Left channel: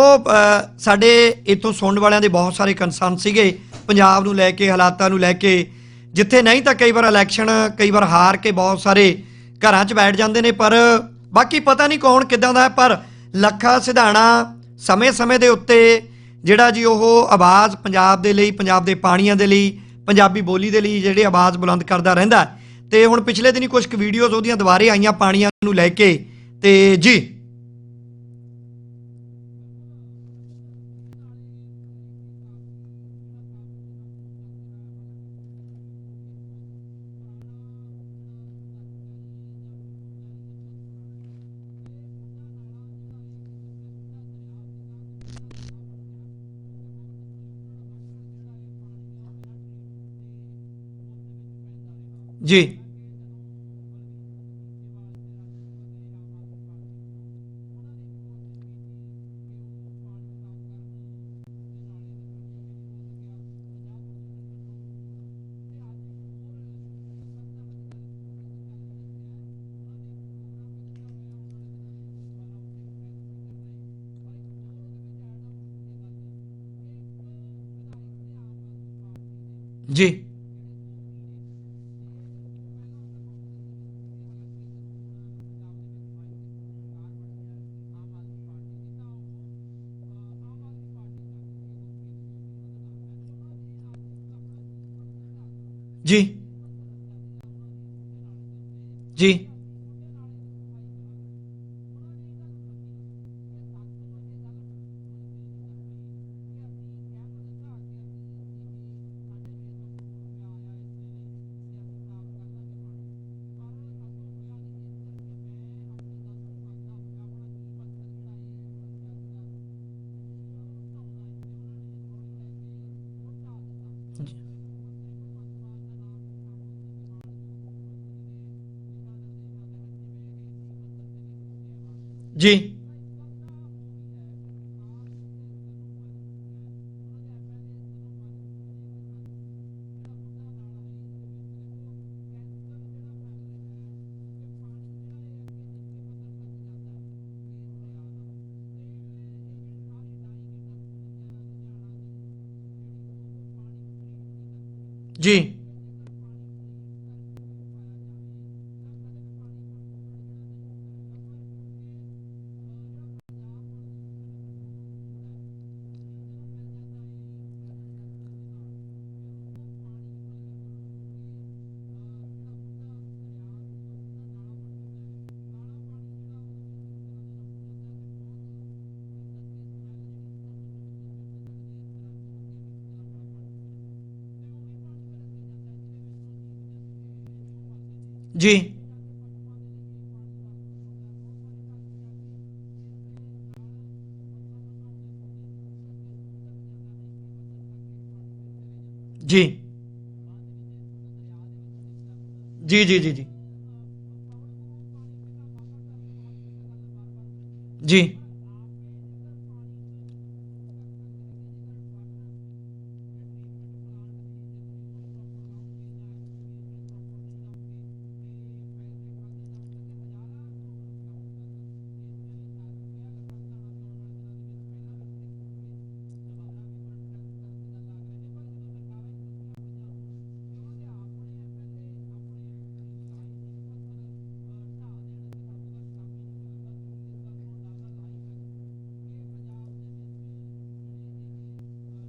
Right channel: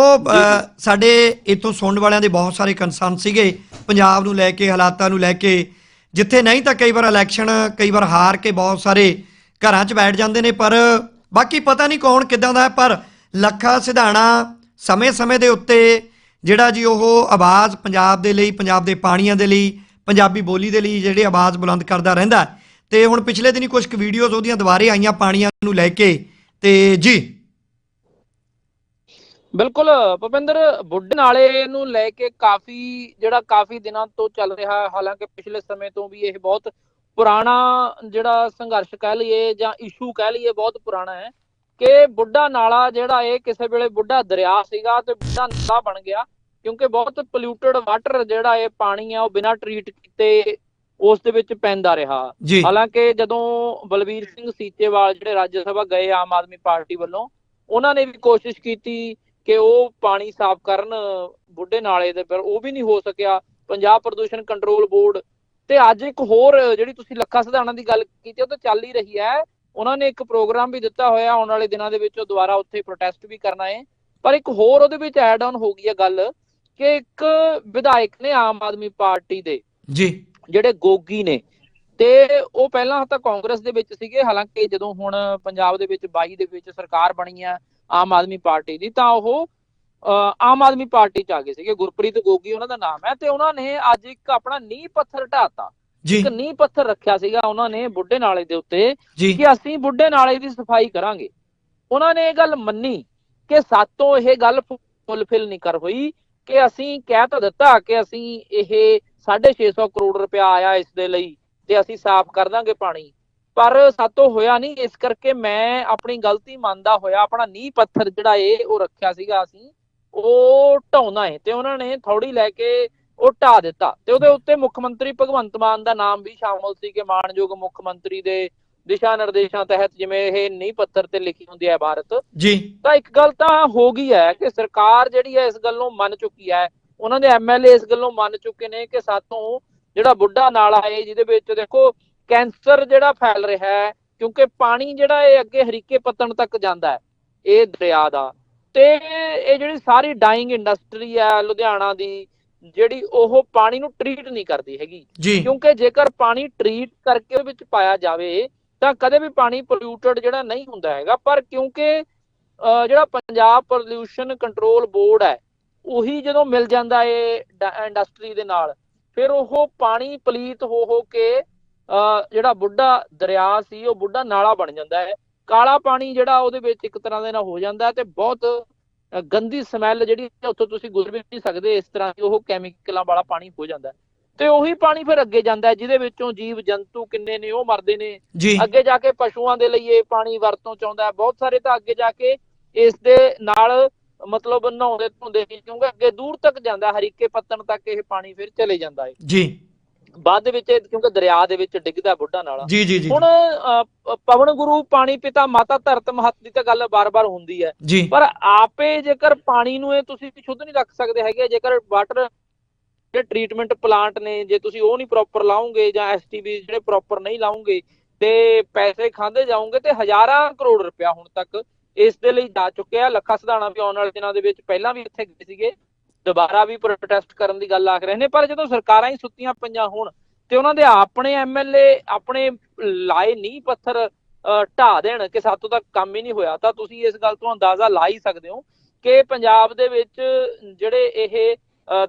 ਉਹ ਸਾਡੇ ਇਥੋਂ ਸੁਣਨ ਵਾਲਿਆਂ ਦੇ ਬਹੁਤ ਸਾਰੇ ਕੰਸਰਨ ਸੀਗੇ। ਪੰਜਾਬ ਨੂੰ ਲੈ ਕੇ, ਹਾਲਾਤਾਂ ਨੂੰ ਲੈ ਕੇ। ਜਿੱਥੇ ਨਹੀਂ ਤਾਂ ਕਈ ਵਾਰ ਇਲੈਕਸ਼ਨ ਕਈ ਵਾਰ ਹਾਰ ਕੇ ਬਹੁਤ ਸਾਰੇ ਘਰਾਂ 'ਚ ਬੈਠ ਜਾਂਦੇ ਨੇ, ਪਰ ਬਾਕੀ ਪਤਾ ਨਹੀਂ ਕੌਣ ਕਿੱਦਾਂ ਦਾ ਹੈ, ਪਰ ਲੱਖਾ ਸਿਧਾਣਾ ਸਮੇਂ-ਸਮੇਂ ਦੇ ਉੱਤੇ ਜਿਹੜਾ ਜੀ ਉਹ ਆਵਾਜ਼ ਪੰਜਾਬ ਦੇ ਲਈ, ਪੰਜਾਬ ਦੇ ਪਾਣੀਆਂ ਦੇ ਲਈ, ਪੰਜਾਬੀ ਬੋਲੀ ਦੇ ਲਈ ਜਿਹੜੀ ਆਵਾਜ਼ ਬੁਲੰਦ ਕਰਦਾ ਰਹਿੰਦਾ ਹੈ। ਤੇ ਹੁਣ ਪਿਛਲੇ ਦਿਨੀ ਕੁਝ ਕੁ ਵੀਡੀਓਜ਼ ਉਹਦੀਆਂ ਦੁਬਾਰੇ ਆਈਆਂ ਪਾਣੀਆਂ ਨੂੰ ਲੈ ਕੇ। ਤੇ ਜੀ। ਬਿਲਕੁਲ ਭੁਪਿੰਦਰ ਬੁੱਢੇ ਨਾਲੇ ਨੂੰ ਲੈ ਕੇ ਕਾਫੀ ਜਿਹੜਾ ਕਾਫੀ ਦਿਨਾਂ ਤੋਂ ਚੱਲ ਰਿਹਾ ਹੈ ਹਾਲਾਂਕਿ ਪਿਛਲੇ ਸਮੇਂ ਤੋਂ ਵੀ ਇਹ ਬਹੁਤ ਪੁਰਾਣਾ ਜਿਹੜਾ ਸੰਘਰਸ਼ ਕਹਿ ਲਈਏ ਜਾਂ ਇਸ਼ੂ ਕਹਿ ਲਈਏ ਬਹੁਤ ਪੁਰਾਣਾ ਹੈ ਕਿ ਬੁੱਢਾ ਨਾਲਾ ਜਿਹੜਾ ਇਹ ਕਿਸੇ ਵੇਲੇ ਬੁੱਢਾ ਦਰਿਆ ਸੀਗਾ ਤੇ ਬੁੱਢਾ ਨਾਲਾ ਬਣ ਗਿਆ ਕਿਉਂਕਿ ਬਹੁਤ ਪੋਲਿਊਟਡ ਵਾਟਰ ਜਿਹੜਾ ਇਹ ਪਾਣੀ ਆ ਉਹ ਬਿਨਾਂ ਟਰੀਟ ਕੀਤੇ ਉਸ ਦੇ ਵਿੱਚ ਪੈਂਦਾ ਰਿਹਾ। ਹਾਲਾਂਕਿ ਜਦੋਂ ਬਲਬੀਰ ਸਿੰਘ ਸੀਚੇਵਾਲ ਜਿਹੜੇ ਰਾਜ ਸਭਾ ਗਏ ਆਮ ਆਦਮੀ ਪਾਰਟੀ ਵੱਲੋਂ ਉਹਨਾਂ ਨੇ ਵੀ ਕੋਸ਼ਿਸ਼ ਕੀਤੀ ਕਿ ਉਹ ਪਾਣੀ ਸਾਫ਼ ਕਰਨ ਬੁੱਢੇ ਨਾਲੇ ਦੇ ਪਰ ਉਹ ਵੀ ਨਹੀਂ ਹੋ ਸਕਿਆ। ਪੰਜਾਬ ਪ੍ਰਦੂਸ਼ਣ ਕੰਟਰੋਲ ਬੋਰਡ ਤੇ ਅੱਜ ਇੱਕ ਹੋਰ ਜਿਹੜੀ ਤੁਸੀਂ ਲੱਖਾ ਸਿਧਾਣਾ ਦੀ ਗੱਲ ਕੀਤੀ ਉਹ ਤਾਂ ਚੱਲ ਹੀ ਰਹੀ ਹੈ। ਉਹਨਾਂ ਨੇ ਇੱਕ ਪ੍ਰੋਗਰਾਮ ਵੀ ਦਿੱਤਾ ਹੋਇਆ ਆਉਣ ਵਾਲੇ ਦਿਨਾਂ ਦੇ ਵਿੱਚ ਉਹ ਦੁਬਾਰਾ ਉੱਥੇ ਪ੍ਰੋਟੈਸਟ ਵੀ ਕਰਨਾ ਹੈ ਪਰ ਇੱਕ ਹੋਰ ਉਹਦੇ ਵਿੱਚ ਐਡ ਆਨ ਹੋ ਗਈ ਹੈ ਗੱਲ ਕਿ ਇੱਕ ਵਿਧਾਇਕ ਨੇ ਆਮ ਆਦਮੀ ਪਾਰਟੀ ਦੇ ਜੀ। ਜਿਹੜੇ ਗੋਗੀ ਨੇ ਤੇ ਉਹ ਪਹਿਲਾਂ ਤਾਂ ਕਾਂਗਰਸ ਦੇ ਵਿੱਚ ਸੀਗੇ ਹਾਲਾਂਕਿ ਜਦੋਂ ਹੁਣ ਪੰਜਾਬ ਦੇ ਵਿੱਚ 22 ਦੇ ਵਿੱਚ ਸਰਕਾਰ ਬਣੀ ਆ ਆਮ ਆਦਮੀ ਪਾਰਟੀ ਦੀ ਤਾਂ ਉਹ ਆਮ ਆਦਮੀ ਪਾਰਟੀ ਚ ਆ ਗਏ ਸੀਗੇ। ਗੁਰਪ੍ਰੀਤ ਗੋਗੀ ਉਹਨਾਂ ਦਾ ਨਾਮ ਹੈ ਤੇ ਉਹਨਾਂ ਨੇ ਅੱਜ ਇੱਕ ਆਪਣਾ ਨੀਂਹ ਪੱਥਰ ਢਾਤਾ ਇੱਕ ਨੀਂਹ ਪੱਥਰ ਰੱਖਿਆ ਸੀਗਾ ਉਹਨਾਂ ਨੇ ਬੁੱਢੇ ਨਾਲੇ ਦੇ ਉੱਤੇ ਕਿ ਅਸੀਂ ਬੁੱਢੇ ਨਾਲੇ ਦੀ ਸਫ਼ਾਈ ਕਰਾਂਗੇ। ਉਹਨਾਂ ਨੇ ਇਹ ਗੱਲ ਮੰਨੀ ਕਿ ਸਾਤੋਂ ਇਹ ਗੱਲ ਫੁੱਲਫਿਲ ਨਹੀਂ ਕਰ ਹੋਈ ਕਿ ਅਸੀਂ ਕਹਿ ਤਾਂ ਦਿੱਤਾ ਕਿ ਅਸੀਂ ਇਹ 650 ਕਰੋੜ ਰੁਪਇਆ ਆਇਆ ਇਸ ਦੇ ਲਈ ਤੇ ਅਸੀਂ ਸਾਫ਼ ਕਰ ਦਾਂਗੇ ਪਾਣੀ। ਪਰ ਸਾਤੋਂ ਹੋਇਆ ਨਹੀਂ ਇਸ ਕਰਕੇ ਮੈਂ ਆਪਣੀ ਗਲਤੀ ਮੰਨਦਾ ਹੋਇਆ ਆਪਣਾ ਨੀਂਹ ਪੱਥਰ ਜਿਹੜਾ ਏ ਉਹ ਰੱਖਿਆ ਸੀਗਾ ਅਸੀਂ ਉਹ ਢਾਉਣਾ ਹੈ ਤੇ ਉਹਨਾਂ ਨੇ ਥੋੜੀ ਲੈ ਕੇ ਉਹ ਢਾ ਦਿੱਤਾ ਤੇ ਉਹਦੇ ਉੱਤੇ ਮੁੱਖ ਮੰਤਰੀ ਭਗਵੰਤ ਮਾਨ ਦਾ ਨਾਮ ਵੀ ਸ਼ਾਮਲ ਸੀ ਕਿ ਮਾਨਯੋਗ ਮੁੱਖ ਮੰਤਰੀ ਦੇ ਦਿਸ਼ਾ ਨਿਰਦੇਸ਼ਾਂ ਤਹਿਤ ਜਿਵੇਂ ਇਹ ਨੀਂਹ ਪੱਥਰ ਤੇ ਲਿਖੀ ਹੁੰਦੀ ਹੈ ਭਾਰਤ। ਜੀ। ਤਾਂ ਇੱਕ ਗੱਲ ਤਾਂ ਹੋ ਗਈ ਹੈ ਕਿ ਸਰਕਾਰ ਜਿਹੜੀ ਹੈ ਇਸ ਗੱਲ ਨੂੰ ਮੰਨ ਚੁੱਕੀ ਹੈ ਉਹਨਾਂ ਦੇ ਐਮਐਲਏ ਇਸ ਗੱਲੋਂ ਮੰਨ ਚੁੱਕੇ ਨੇ ਕਿ ਸਾਤੋਂ ਜਿਹੜਾ ਬੁੱਢਾ ਨਾਲਾ ਹੈ ਜਿਹਦੇ ਵਿੱਚ ਦੇਖੋ ਕੈਂਸਰ ਜਿਹੜਾ ਫੈਲ ਰਿਹਾ ਹੈ ਕਿਉਂਕਿ ਪਾਣੀ ਜਿਹੜਾ ਇਹ ਅੱਗੇ ਹਰੀਕੇ ਪੱਤਣ ਤੱਕ ਜਾਂਦਾ ਹੈ ਇਹ ਦਰਿਆ ਦਾ। ਤੇ ਇਹ ਜਿਹੜੀ ਸਾਰੀ ਡਾਈਂਗ ਇੰਡਸਟਰੀ ਹੈ ਲੁਧਿਆਣਾ ਦੀ ਜਿਹੜੀ ਉਹ ਪਾਣੀ ਨੂੰ ਟਰੀਟ ਨਹੀਂ ਕਰਦੀ ਹੈਗੀ। ਕਿਉਂਕਿ ਜੇਕਰ ਪਾਣੀ ਟਰੀਟ ਕਰਕੇ ਵਿੱਚ ਪਾਇਆ ਜਾਵੇ ਤਾਂ ਕਦੇ ਵੀ ਪਾਣੀ ਪੋਲਿਊਟਡ ਜਿਹੜਾ ਨਹੀਂ ਹੁੰਦਾ ਹੈਗਾ। ਪਰ ਕਿਉਂਕਿ ਜਿਹੜਾ ਪੰਜਾਬ ਪੋਲਿਊਸ਼ਨ ਕੰਟਰੋਲ ਬੋਰਡ ਹੈ ਉਹੀ ਜਦੋਂ ਮਿਲ ਜਾਂਦਾ ਏ ਇੰਡਸਟਰੀ ਦੇ ਨਾਲ ਫਿਰ ਉਹ ਪਾਣੀ ਪਲੀਤ ਹੋ ਹੋ ਕੇ ਜਿਹੜਾ ਬੁੱਢਾ ਦਰਿਆ ਸੀ ਉਹ ਬੁੱਢਾ ਨਾਲਾ ਬਣ ਜਾਂਦਾ ਹੈ। ਕਾਲਾ ਪਾਣੀ ਜਿਹੜਾ ਉਹਦੇ ਵਿੱਚ ਇੱਕ ਤਰ੍ਹਾਂ ਦੇ ਨਾਲ ਹੋ ਜਾਂਦਾ ਤੇ ਬਹੁਤ ਗੰਦੀ ਸਮੈਲ ਜਿਹੜੀ ਉੱਥੋਂ ਤੁਸੀਂ ਗੁਜ਼ਰ ਵੀ ਨਹੀਂ ਸਕਦੇ ਇਸ ਤਰ੍ਹਾਂ ਦੀ ਉਹ ਕੈਮੀਕਲਾਂ ਵਾਲਾ ਪਾਣੀ ਹੋ ਜਾਂਦਾ। ਤੇ ਉਹੀ ਪਾਣੀ ਫਿਰ ਅੱਗੇ ਜਾਂਦਾ ਜਿਹਦੇ ਵਿੱਚੋਂ ਜੀਵ ਜੰਤੂ ਕਿੰਨੇ ਨੇ ਉਹ ਮਰਦੇ ਨੇ। ਅੱਗੇ ਜਾ ਕੇ ਪਸ਼ੂਆਂ ਦੇ ਲਈ ਇਹ ਪਾਣੀ ਵਰਤੋਂ ਚ ਆਉਂਦਾ ਬਹੁਤ ਸਾਰੇ ਤਾਂ ਅੱਗੇ ਜਾ ਕੇ ਇਸ ਦੇ ਨਾਲ ਮਤਲਬ ਨਹਾਉਂਦੇ ਧੋਂਦੇ ਕਿਉਂਕਿ ਅੱਗੇ ਦੂਰ ਤੱਕ ਜਾਂਦਾ ਹਰੀਕੇ ਪੱਤਣ ਤੱਕ ਇਹ ਪਾਣੀ ਫਿਰ ਚਲੇ ਜਾਂਦਾ ਹੈ। ਜੀ। ਬਾਅਦ ਦੇ ਵਿੱਚ ਕਿਉਂਕਿ ਦਰਿਆ ਦੇ ਵਿੱਚ ਡਿੱਗਦਾ ਬੁੱਢਾ ਨਾਲਾ। ਜੀ ਜੀ ਜੀ ਹੁਣ ਪਵਨ ਗੁਰੂ ਪਾਣੀ ਪਿਤਾ ਮਾਤਾ ਧਰਤ ਮਹਤ ਦੀ ਤਾਂ ਗੱਲ ਬਾਰ-ਬਾਰ ਹੁੰਦੀ ਹੈ। ਪਰ ਆਪੇ ਜੇਕਰ ਪਾਣੀ ਨੂੰ ਇਹ ਤੁਸੀਂ ਸ਼ੁੱਧ ਨਹੀਂ ਰੱਖ ਸਕਦੇ ਹੈਗੇ ਜੇਕਰ ਵਾਟਰ ਜਿਹੜੇ ਟ੍ਰੀਟਮੈਂਟ ਪਲਾਂਟ ਨੇ ਜੇ ਤੁਸੀਂ ਉਹ ਨਹੀਂ ਪ੍ਰੋਪਰ ਲਾਉਂਗੇ ਜਾਂ ਐਸਟੀਬੀ ਜਿਹੜੇ ਪ੍ਰੋਪਰ ਨਹੀਂ ਲਾਉਂਗੇ ਤੇ ਪੈਸੇ ਖਾਂਦੇ ਜਾਓਗੇ ਤੇ ਹਜ਼ਾਰਾਂ ਕਰੋੜ ਰੁਪਇਆ ਹੁਣ ਤੱਕ ਇਸ ਦੇ ਲਈ ਜਾ ਚੁੱਕਿਆ। ਲੱਖਾ ਸਿਧਾਣਾ ਵੀ ਆਉਣ ਵਾਲੇ ਦਿਨਾਂ ਦੇ ਵਿੱਚ ਪਹਿਲਾਂ ਵੀ ਇੱਥੇ ਗਏ ਸੀਗੇ। ਦੁਬਾਰਾ ਵੀ ਪ੍ਰੋਟੈਸਟ ਕਰਨ ਦੀ ਗੱਲ ਆਖ ਰਹੇ ਨੇ ਪਰ ਜਦੋਂ ਸਰਕਾਰਾਂ ਹੀ ਸੁੱਤੀਆਂ ਪਈਆਂ ਹੋਣ ਤੇ ਉਹਨਾਂ ਦੇ ਆਪਣੇ ਐਮਐਲਏ ਆਪਣੇ ਲਾਏ ਨਹੀਂ ਪੱਥਰ ਢਾਹ ਦੇਣ ਕਿ ਸਾਤੋਂ ਤੱਕ ਕੰਮ ਹੀ ਨਹੀਂ ਹੋਇਆ ਤਾਂ ਤੁਸੀਂ ਇਸ ਗੱਲ ਤੋਂ ਅੰਦਾਜ਼ਾ ਲਾ ਹੀ ਸਕਦੇ ਹੋ ਕਿ ਪੰਜਾਬ ਦੇ ਵਿੱਚ ਜਿਹੜੇ ਇਹ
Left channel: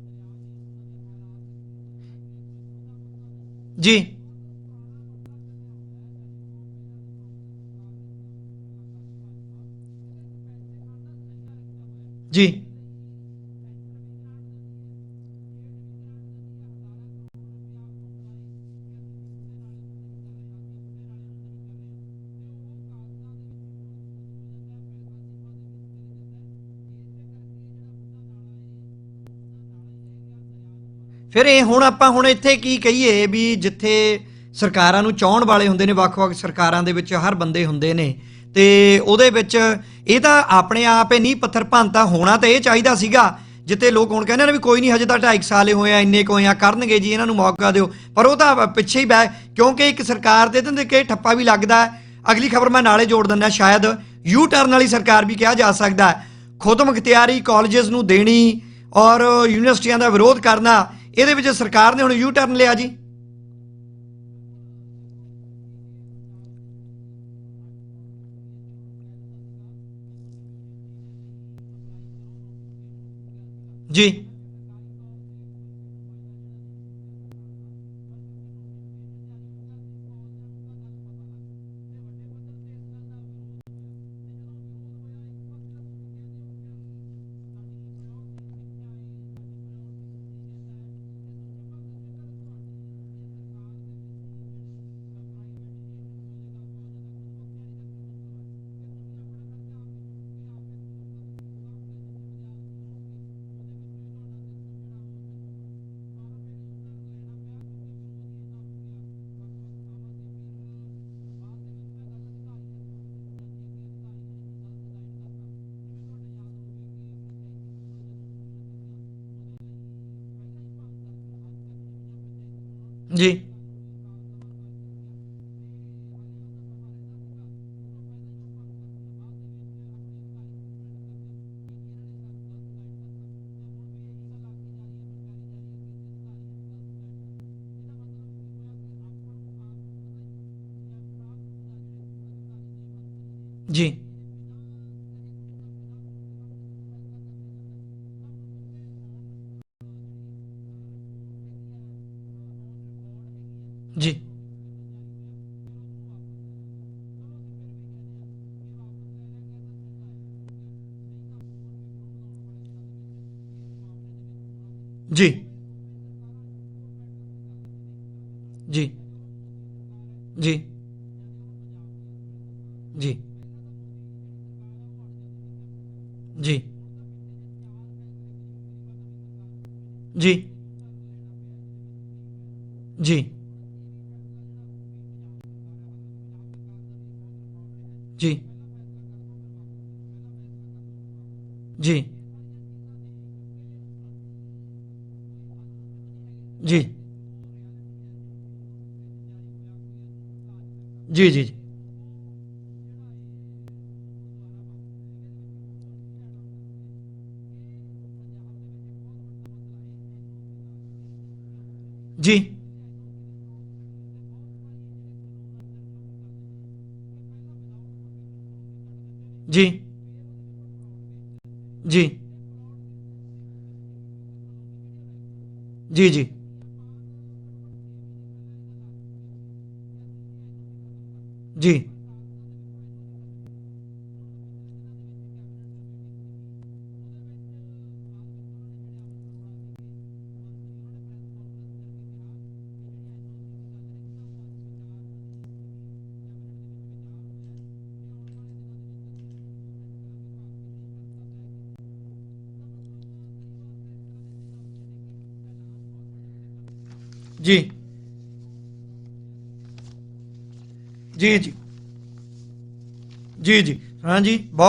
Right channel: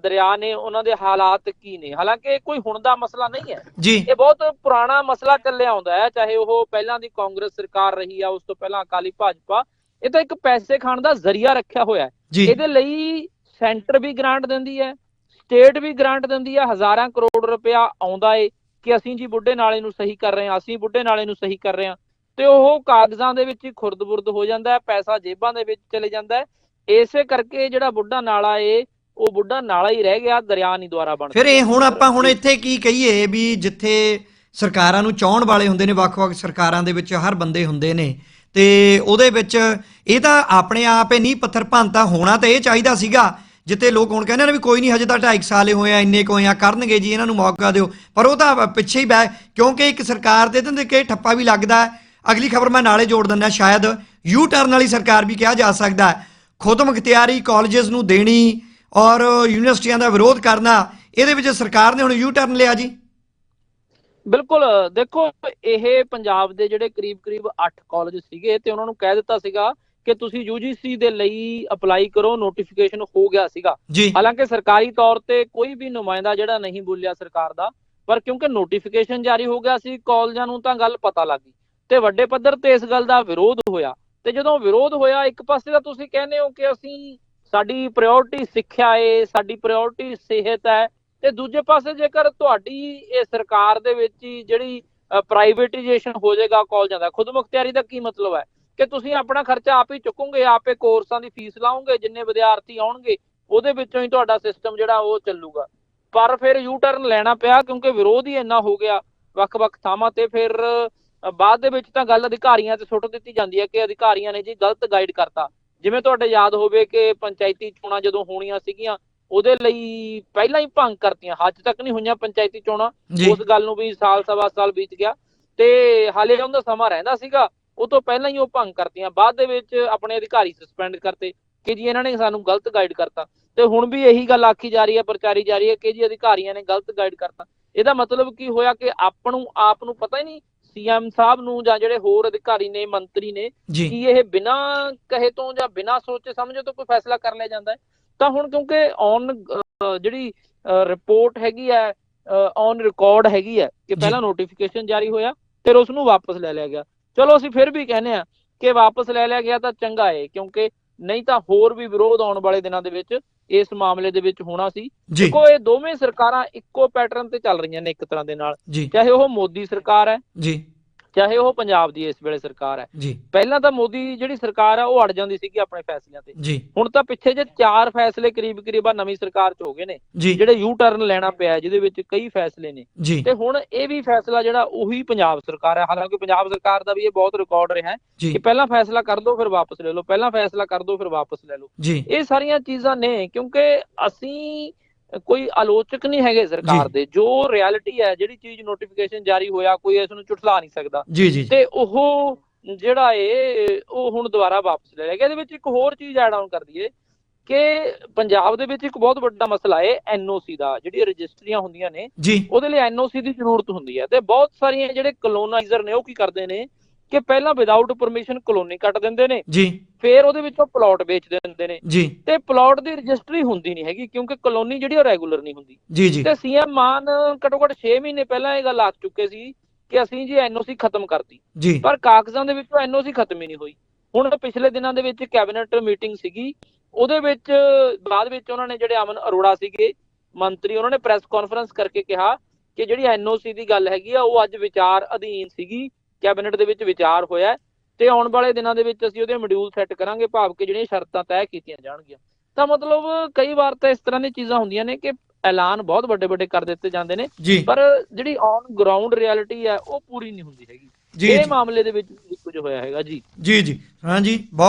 ਦਰਿਆ ਨੇ ਉਹਨਾਂ ਦੇ ਹਾਲਾਤ ਕੀ ਨੇ? ਹਾਲਾਂਕਿ ਇਹ ਕੋਈ ਹੁਣ ਦਾ ਮਸਲਾ ਨਹੀਂ ਹੈ। ਇਹ ਬਹੁਤ ਪੁਰਾਣਾ ਮਸਲਾ ਚੱਲਿਆ ਆਉਂਦਾ ਹੈ ਚਾਹੇ ਉਹ ਪਹਿਲਾਂ ਦੀ ਕਾਂਗਰਸ ਸਰਕਾਰ ਰਹੀ ਆ ਉਸ ਤੋਂ ਪਹਿਲਾਂ ਅਕਾਲੀ ਭਾਜਪਾ ਇਹ ਤਾਂ ਇੱਕ ਪੈਸੇ ਖਾਣ ਦਾ ਜ਼ਰੀਆ ਰੱਖਿਆ ਹੋਇਆ ਹੈ। ਇਹਦੇ ਲਈ ਸੈਂਟਰ ਵੀ ਗ੍ਰਾਂਟ ਦਿੰਦੀ ਹੈ, ਸਟੇਟ ਵੀ ਗ੍ਰਾਂਟ ਦਿੰਦੀ ਹੈ, ਹਜ਼ਾਰਾਂ ਕਰੋੜ ਰੁਪਇਆ ਆਉਂਦਾ ਏ ਕਿ ਅਸੀਂ ਜੀ ਬੁੱਢੇ ਨਾਲੇ ਨੂੰ ਸਹੀ ਕਰ ਰਹੇ ਹਾਂ, ਅਸੀਂ ਬੁੱਢੇ ਨਾਲੇ ਨੂੰ ਸਹੀ ਕਰ ਰਹੇ ਹਾਂ। ਤੇ ਉਹ ਕਾਗਜ਼ਾਂ ਦੇ ਵਿੱਚ ਹੀ ਖੁਰਦ-ਬੁਰਦ ਹੋ ਜਾਂਦਾ ਹੈ, ਪੈਸਾ ਜੇਬਾਂ ਦੇ ਵਿੱਚ ਚਲੇ ਜਾਂਦਾ ਹੈ। ਇਸੇ ਕਰਕੇ ਜਿਹੜਾ ਬੁੱਢਾ ਨਾਲਾ ਏ, ਉਹ ਬੁੱਢਾ ਨਾਲਾ ਹੀ ਰਹਿ ਗਿਆ, ਦਰਿਆ ਨਹੀਂ ਦੁਆਰਾ ਬਣ ਫਿਰ ਇਹ ਹੁਣ ਆਪਾਂ ਹੁਣ ਇੱਥੇ ਕੀ ਕਹੀਏ ਵੀ ਜਿੱਥੇ ਸਰਕਾਰਾਂ ਨੂੰ ਚਾਹਣ ਵਾਲੇ ਹੁੰਦੇ ਨੇ, ਵੱਖ-ਵੱਖ ਸਰਕਾਰਾਂ ਦੇ ਵਿੱਚ ਹਰ ਬੰਦੇ ਹੁੰਦੇ ਨੇ, ਤੇ ਉਹਦੇ ਵਿੱਚ ਇਹ ਤਾਂ ਆਪਣੇ ਆਪ ਹੀ ਨਹੀਂ ਪੱਥਰ ਭੰਨਤਾ ਹੋਣਾ ਤਾਂ ਇਹ ਚਾਹੀਦਾ ਸੀਗਾ। ਜਿੱਤੇ ਲੋਕ ਹੁਣ ਕਹਿੰਦੇ ਨੇ ਵੀ ਕੋਈ ਨਹੀਂ, ਹਜੇ ਤਾਂ 2.5 ਸਾਲੇ ਹੋਏ ਆ, ਇੰਨੇ ਕੁ ਆ, ਕਰਨਗੇ ਜੀ, ਇਹਨਾਂ ਨੂੰ ਮੌਕਾ ਦਿਓ। ਪਰ ਉਹ ਤਾਂ ਪਿੱਛੇ ਹੀ ਬੈ ਕਿਉਂਕਿ ਇੱਕ ਸਰਕਾਰ ਦੇ ਦਿੰਦੇ ਕਿ ਠੱਪਾ ਵੀ ਲੱਗਦਾ ਅਗਲੀ ਖਬਰ ਮੈਂ ਨਾਲੇ ਜੋੜ ਦਿੰਦਾ, ਸ਼ਾਇਦ ਯੂ ਟਰਨ ਵਾਲੀ ਸਰਕਾਰ ਵੀ ਕਿਹਾ ਜਾ ਸਕਦਾ ਖੁਦ ਮੁਖਤਿਆਰੀ ਕਾਲਜਸ ਨੂੰ ਦੇਣੀ ਔਰ ਯੂਨੀਵਰਸਿਟੀਆਂ ਦਾ ਵਿਰੋਧ ਕਰਨਾ, ਇਹਦੇ ਵਿੱਚ ਸਰਕਾਰ ਨੇ ਹੁਣ ਯੂ ਟਰਨ ਲਿਆ ਜੀ। ਬਿਲਕੁਲ, ਦੇਖੋ, ਇਹ ਪੰਜਾਬ ਦੇ ਜਿਹੜੇ ਕਰੀਬ-ਕਰੀਬ 8 ਕਾਲਜ ਸੀਗੇ ਤੇ ਉਹਨਾਂ ਨੂੰ ਕਹਿ ਦਿੱਤਾ ਸੀਗਾ ਕਿ ਤੁਸੀਂ UGC ਦੇ ਲਈ ਅਪਲਾਈ ਕਰੋ ਨੋਟੀਫਿਕੇਸ਼ਨ ਹੋ ਗਿਆ ਸੀਗਾ। ਹਾਲਾਂਕਿ ਸਰਕਾਰੀ ਤੌਰ ਤੇ ਕੋਈ ਵੀ ਨੁਮਾਇੰਦਾ ਜਿਹੜਾ ਨਹੀਂ ਬੋਲਿਆ ਸਰਕਾਰ ਦਾ ਪਰ ਕਿਉਂਕਿ ਨੋਟੀਫਿਕੇਸ਼ਨ ਜਾਰੀ ਹੋ ਗਿਆ ਸੀ ਕਾਲਜਾਂ ਨੂੰ ਤਾਂ ਗੱਲ ਪਤਾ ਲੱਗ ਗਈ। ਤੇ ਵੱਡੇ ਪੱਧਰ ਤੇ ਇਸ ਗੱਲ ਦਾ ਵਿਰੋਧ ਹੋਇਆ। ਤੇ ਜਦੋਂ ਵਿਰੋਧ ਹੋਇਆ ਇੱਕ ਪਾਸੇ ਤਾਂ ਤੁਸੀਂ ਕਹਿੰਦੇ ਹੋ ਕਿ ਅਸੀਂ ਸਾਡੀ ਪ੍ਰਾਇੋਰਟੀ ਸਿੱਖਿਆ ਏ ਸਾਡੀ ਪ੍ਰਾਇੋਰਟੀ ਸਿਹਤ ਹੈ। ਤੇ ਦੂਜੇ ਪਾਸੇ ਜੇਕਰ ਤੁਹਾਡੀ ਇਹ ਸਰਕਾਰ ਦੇ ਵਿੱਚ ਜਿਹੜੀ ਪ੍ਰਾਈਵੇਟਾਈਜੇਸ਼ਨ ਹੋ ਜਾਏਗਾ ਕਾਲਜਾਂ ਦਾ ਖੁਦ ਮੁਖਤਿਆਰੀ ਦਾ ਕੀ ਮਤਲਬ ਹੈ? ਕਿ ਤੁਸੀਂ ਆਪਣਾ ਖਰਚਾ ਆਪ ਹੀ ਚੁੱਕੋਗੇ ਆਪੇ ਕੋਰਸਾਂ ਦੀ ਫੀਸ ਲਾਓਗੇ ਜਿੰਨੇ ਵਿਦਿਆਰਥੀ ਆਉਣਗੇ ਉਹਦੇ ਵਿੱਚੋਂ ਹੀ ਤੁਹਾਡਾ ਸਿਸਟਮ ਜਿਹੜਾ ਉਹ ਚੱਲੂਗਾ। ਪਰ ਫਿਰ ਯੂ ਟਰਨ ਲੈਣਾ ਪਿਆ ਕਿਉਂਕਿ ਵਿਰੋਧ ਹੀ ਇੰਨਾ ਹੋ ਗਿਆ ਵੱਖ-ਵੱਖ ਥਾਵਾਂ ਤੇ ਫਿਰ ਬਾਅਦ ਦੇ ਵਿੱਚ ਤਾਂ ਗੱਲ ਅਧਿਕਾਰੀਆਂ ਤੇ ਸੁੱਟ ਦਿੱਤੀ ਜਾਂਦੀ ਹੈ ਕਿ ਅਧਿਕਾਰੀਆਂ ਨੇ ਜੀ ਗਲਤ ਗਾਈਡ ਕਰਤਾ। ਜਿਵੇਂ ਤੁਹਾਡੇ ਯਾਦ ਹੋਵੇ ਕਿ ਪੰਚਾਇਤੀ ਚੋਣਾਂ ਜਦੋਂ ਹੋਣੀਆਂ ਸੀਗੀਆਂ ਉਹਦੇ ਲਈ ਪਹਿਲਾਂ ਹੀ ਭੰਗ ਕਰਤੀਆਂ ਅੱਜ ਤੱਕ ਨਹੀਂ ਹੋਈਆਂ ਪੰਚਾਇਤੀ ਚੋਣਾਂ। ਉਸ ਗੱਲ ਨੂੰ ਵੀ ਸਾਲ ਸਵਾ ਸਾਲ ਬੀਤ ਗਿਆ। ਤੇ ਹਾਲੇ ਉਹਦਾ ਸਮਾਂ ਰਹਿੰਦਾ ਸੀਗਾ। ਉਹ ਤੋਂ ਪਹਿਲਾਂ ਹੀ ਉਹ ਭੰਗ ਕਰਤੀਆਂ ਬਾਅਦ ਦੇ ਵਿੱਚ ਆਪਣੇ ਅਧਿਕਾਰੀ ਸਸਪੈਂਡ ਕਰਤੇ ਕਿ ਜੀ ਇਹਨਾਂ ਨੇ ਸਾਨੂੰ ਗਲਤ ਗਾਈਡ ਕਰਤਾ। ਤੇ ਹੁਣ ਵੀ ਇਹੀ ਗੱਲ ਆਖੀ ਜਾ ਰਹੀ ਹੈ ਪ੍ਰਚਾਰੀ ਜਾ ਰਹੀ ਹੈ ਕਿ ਜੀ ਅਧਿਕਾਰੀਆਂ ਨੇ ਗਲਤ ਗਾਈਡ ਕਰਤਾ। ਇਹਦਾ ਮਤਲਬ ਕੀ ਹੋਇਆ ਕਿ ਆਪ ਨੂੰ ਆਪ ਨੂੰ ਪਤਾ ਹੀ ਨਹੀਂ ਸੀਐਮ ਸਾਹਿਬ ਨੂੰ ਜਾਂ ਜਿਹੜੇ ਹੋਰ ਅਧਿਕਾਰੀ ਨੇ ਮੰਤਰੀ ਨੇ ਕਿ ਇਹ ਬਿਨਾਂ ਕਹੇ ਤੋਂ ਜਾਂ ਬਿਨਾਂ ਸੋਚੇ ਸਮਝੇ ਤੋਂ ਕੋਈ ਫੈਸਲਾ ਕਰ ਲਿਆ ਜਾਂਦਾ ਹੈ? ਤਾਂ ਹੁਣ ਕਿਉਂਕਿ ਔਨ ਜਿਹੜੀ ਰਿਪੋਰਟ ਹੈਗੀ ਹੈ ਔਨ ਰਿਕਾਰਡ ਹੈਗੀ ਹੈ ਕਿ। ਪਹਿਲਾਂ ਨੋਟੀਫਿਕੇਸ਼ਨ ਜਾਰੀ ਹੋਇਆ ਫਿਰ ਉਸ ਨੂੰ ਵਾਪਸ ਲੈ ਲਿਆ ਗਿਆ। ਚਲੋ ਅਸੀਂ ਫਿਰ ਵੀ ਕਹਿੰਦੇ ਆ ਕਿ ਵਾਪਸ ਲੈ ਲਿਆ ਗਿਆ ਤਾਂ ਚੰਗਾ ਹੈ ਕਿਉਂਕਿ ਨਹੀਂ ਤਾਂ ਹੋਰ ਵੀ ਵਿਰੋਧ ਆਉਣ ਵਾਲੇ ਦਿਨਾਂ ਦੇ ਵਿੱਚ ਇਸ ਮਾਮਲੇ ਦੇ ਵਿੱਚ ਹੋਣਾ ਸੀ। ਜੀ। ਕੋ ਇਹ ਦੋਵੇਂ ਸਰਕਾਰਾਂ ਇੱਕੋ ਪੈਟਰਨ ਤੇ ਚੱਲ ਰਹੀਆਂ ਨੇ ਇੱਕ ਤਰ੍ਹਾਂ ਦੇ ਨਾਲ। ਚਾਹੇ ਉਹ ਮੋਦੀ ਸਰਕਾਰ ਹੈ। ਜੀ। ਚਾਹੇ ਉਹ ਪੰਜਾਬ ਦੀ ਇਸ ਵੇਲੇ ਸਰਕਾਰ ਹੈ। ਜੀ। ਪਹਿਲਾਂ ਤਾਂ ਮੋਦੀ ਜਿਹੜੀ ਸਰਕਾਰ ਆ ਉਹ ਅੜ ਜਾਂਦੀ ਸੀਗੀ ਆਪਣੇ ਫੈਸਲਿਆਂ ਤੇ। ਜੀ। ਹੁਣ ਤਾਂ ਪਿੱਛੇ ਜੇ ਚਾਰ ਫੈਸਲੇ ਕਰੀਬ ਕਰੀਬ ਆ ਨਵੀਂ ਸਰਕਾਰ 'ਚ ਹੋ ਗਏ ਨੇ। ਜਿਹੜੇ ਯੂ ਟਰਨ ਲੈਣਾ ਪਿਆ ਜਿਹਦੇ ਵਿੱਚ ਕਈ ਫੈਸਲੇ ਨੇ। ਤੇ ਹੁਣ ਇਹ ਵੀ ਫੈਸਲਾ ਜਿਹੜਾ ਉਹੀ ਪੰਜਾਬ ਸਰਕਾਰ ਹੈ। ਹਾਲਾਂਕਿ ਪੰਜਾਬ ਸਰਕਾਰ ਦਾ ਵੀ ਇਹ ਬਹੁਤ ਰਿਕਾਰਡ ਰਿਹਾ ਕਿ ਪਹਿਲਾਂ ਫੈਸਲਾ ਕਰ ਦਿਓ ਫਿਰ ਵਾਪਸ ਲੈ ਲਓ। ਪਹਿਲਾਂ ਫੈਸਲਾ ਕਰ ਦਿਓ ਫਿਰ ਵਾਪਸ ਲੈ ਲਓ। ਇਹ ਸਾਰੀਆਂ ਚੀਜ਼ਾਂ ਨੇ ਕਿਉਂਕਿ ਅਸੀਂ ਕੋਈ ਆਲੋਚਕ ਨਹੀਂ ਹੈਗੇ ਸਰਕਾਰ ਦੇ। ਜੋ ਰਿਐਲਿਟੀ ਹੈ ਜਿਹੜੀ ਚੀਜ਼ ਨੋਟੀਫਿਕੇਸ਼ਨ ਜਾਰੀ ਹੋਇਆ ਕੋਈ ਇਸ ਨੂੰ ਝੁਠਲਾ ਨਹੀਂ ਸਕਦਾ। ਤੇ ਉਹ ਜਿਹੜਾ ਏ ਉਹ ਹੁਣ ਦੁਬਾਰਾ ਵਾਪਸ ਲੈ ਲਿਆ। ਗਿਆ ਇਹਦੇ ਵਿੱਚ ਇੱਕ ਹੋਰ ਚੀਜ਼ ਐਡ ਆਨ ਕਰ ਦਈਏ ਕਿ ਪੰਜਾਬ ਦੇ ਵਿੱਚ ਇੱਕ ਬਹੁਤ ਵੱਡਾ ਮਸਲਾ ਏ ਐਨਓਸੀ ਦਾ ਜਿਹੜੀ ਰਜਿਸਟਰੀਆਂ ਹੁੰਦੀਆਂ ਨੇ ਉਹਦੇ ਲਈ ਐਨਓਸੀ ਦੀ ਜ਼ਰੂਰਤ ਹੁੰਦੀ ਹੈ। ਤੇ ਬਹੁਤ ਸਾਰੀਆਂ ਜਿਹੜੇ ਕਲੋਨਾਈਜ਼ਰ ਨੇ ਉਹ ਕੀ ਕਰਦੇ ਨੇ? ਕਿ ਪਹਿਲਾਂ ਵਿਦਆਊਟ ਪਰਮਿਸ਼ਨ ਕਲੋਨੀ ਕੱਟ ਦਿੰਦੇ ਨੇ ਜੀ। ਫਿਰ ਉਹਦੇ ਵਿੱਚੋਂ ਪਲਾਟ ਵੇਚ ਦਿੰਦੇ ਨੇ। ਜੀ। ਤੇ ਪਲਾਟ ਦੀ ਰਜਿਸਟਰੀ ਹੁੰਦੀ ਨਹੀਂ ਹੈਗੀ ਕਿਉਂਕਿ ਕਲੋਨੀ ਜਿਹੜੀ ਉਹ ਰੈਗੂਲਰ ਨਹੀਂ ਹੁੰਦੀ। ਜੀ ਜੀ। ਤੇ ਸੀਐਮ ਮਾਨ ਘੱਟੋ ਘੱਟ 6 ਮਹੀਨੇ ਪਹਿਲਾਂ ਇਹ ਗੱਲ ਆਖ ਚੁੱਕੇ ਸੀ ਕਿ ਅਸੀਂ ਜੀ ਐਨਓਸੀ ਖਤਮ ਕਰਤੀ। ਪਰ ਕਾਗਜ਼ਾਂ ਦੇ ਵਿੱਚੋਂ ਐਨਓਸੀ ਖਤਮ ਹੀ ਨਹੀਂ ਹੋਈ। ਹੁਣ ਪਿਛਲੇ ਦਿਨਾਂ ਦੇ ਵਿੱਚ ਕੈਬਨਿਟ ਮੀਟਿੰਗ ਸੀਗੀ। ਉਹਦੇ ਵਿੱਚ ਬਾਅਦ ਵਿੱਚ ਉਹਨਾਂ ਨੇ ਜਿਹੜੇ ਅਮਨ ਅਰੋੜਾ ਸੀਗੇ ਮੰਤਰੀ ਉਹਨਾਂ ਨੇ ਪ੍ਰੈਸ ਕਾਨਫਰੰਸ ਕਰਕੇ ਕਿਹਾ ਕਿ ਜਿਹੜੀ ਐਨਓਸੀ ਦੀ ਗੱਲ ਹੈਗੀ ਆ ਉਹ ਅੱਜ ਵਿਚਾਰ ਅਧੀਨ ਸੀਗੀ। ਕੈਬਨਿਟ ਦੇ ਵਿੱਚ ਵਿਚਾਰ ਹੋਇਆ ਤੇ ਆਉਣ ਵਾਲੇ ਦਿਨਾਂ ਦੇ ਵਿੱਚ ਅਸੀਂ ਉਹਦੇ ਮੋਡਿਊਲ ਸੈੱਟ ਕਰਾਂਗੇ ਭਾਵ ਕਿ ਜਿਹੜੀਆਂ ਸ਼ਰਤਾਂ ਤੈਅ ਕੀਤੀਆਂ ਜਾਣਗੀਆਂ। ਤਾਂ ਮਤਲਬ ਕਈ ਵਾਰ ਤਾਂ ਇਸ ਤਰ੍ਹਾਂ ਦੀਆਂ ਚੀਜ਼ਾਂ ਹੁੰਦੀਆਂ ਨੇ ਕਿ ਐਲਾਨ ਬਹੁਤ ਵੱਡੇ ਵੱਡੇ ਕਰ ਦਿੱਤੇ ਜਾਂਦੇ ਨੇ ਪਰ ਜਿਹੜੀ ਔਨ ਗਰਾਊਂਡ ਰਿਐਲਿਟੀ ਹੈ ਉਹ ਪੂਰੀ ਨਹੀਂ ਹੁੰਦੀ ਹੈਗੀ। ਜੀ ਇਹ ਮਾਮਲੇ ਦੇ ਵਿੱਚ ਕੁਝ ਹੋਇਆ ਹੈਗਾ ਜੀ। ਜੀ ਜੀ। ਹਾਂ ਜੀ